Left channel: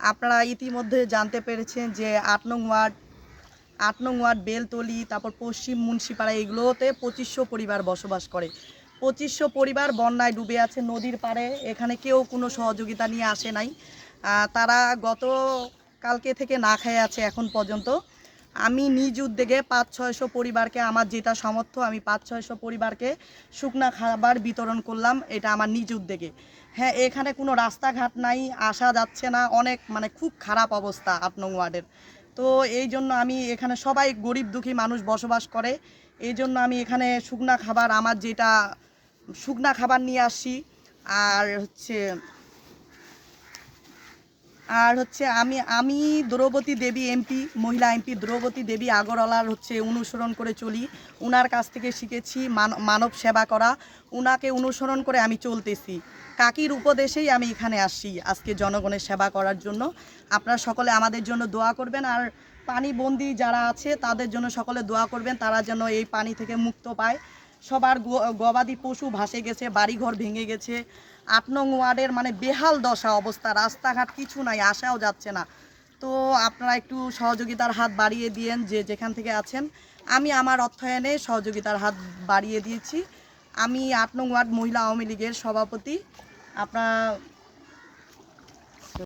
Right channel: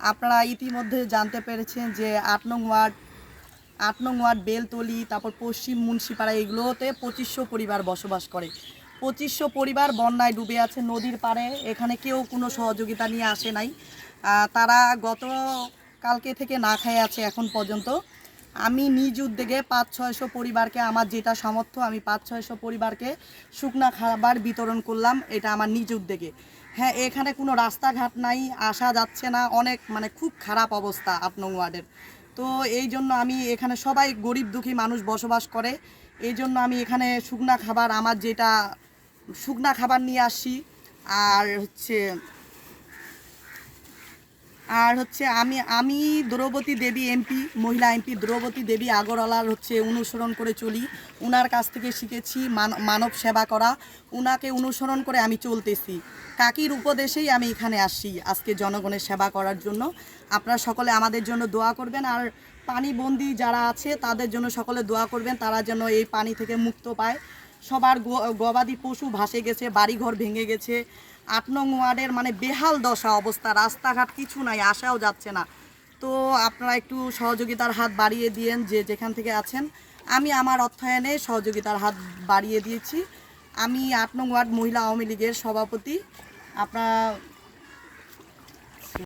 আপনারা ইতিমধ্যে জানতে পেরেছেন যে আট নং ওয়ার্ড, আট নং ওয়ার্ড বেলতলি, তারপর পশ্চিম মুন্সিপাড়া, এগুলোতে পঁচিশশো পরিবার বসবাস করে। পঁচিশশো পরিবার বন্যায় ডুবে আছে নদীর পাড়ে। এখানে কেউ কোনো সহযোগিতা নিয়ে আসে নাই। তারা গত কালকে থেকে না খেয়ে আছে এখন পর্যন্ত। আমি নিজ উদ্যোগে পাঁচ ছয়শো পরিবারকে, আমার যেটা সামর্থ্য, আমি পাঁচ ছয়শো পরিবারকে শুকনা খাবার বিতরণ করলাম। এটা আমার নিজ উদ্যোগে। হ্যাঁ এখানে কোনো রাস্তাঘাট নাই, আসা যাচ্ছে না, অনেক মানে খুব খারাপ অবস্থা আপনং ওয়ার্ডের। তো এই জন্য আমি এখানে সবাই গরিব দুঃখী মানুষ বসবাস করে, এই জন্য আমি এখানে শুকনা খাবার, আমার যেটা শুকনা খাবার নিয়ে আসি, আর হচ্ছে আর হচ্ছে আমি আমি দ্রৌপদী দেবী এমপি, মহিলা এমপি, দ্রৌপদী দেবী আগরওয়ালার হচ্ছে অনুসরণ করে চলি। উনার কাছ থেকে শিখেছি মান- মানব সেবা করা। উনাকে অনুসরণ করে আমি চলতেছি। কাকির উপদেশেই আমি এখানে আসি আজকে জনগণের সেবা করার জন্য। আপনারা সকলে আমাদের জন্য দোয়া করবেন আর পানিবন্দি যারা আছে, তাদের জন্য সকলে দোয়া করবেন। তারা যেন এই পানি থেকে মুক্ত পায়। সবার গবাদি পশু ভাসে গেছে, বাড়িঘর ভেঙে গেছে। আট নং ওয়ার্ডের মানে বেহাল দশা অবস্থা, রাস্তাঘাট কিছু নাই আসাও যাচ্ছে না। তো আপনারা একটু সহযোগিতার হাত বাড়িয়ে দিয়েন যে যেখান থেকে আছেন। আমি আমার অর্থায়নে সহযোগিতার হাত বাড়িয়ে দিয়েছি। আমি আট নং ওয়ার্ড মহিলা আওয়ামী লীগের সভাপতি। আপনার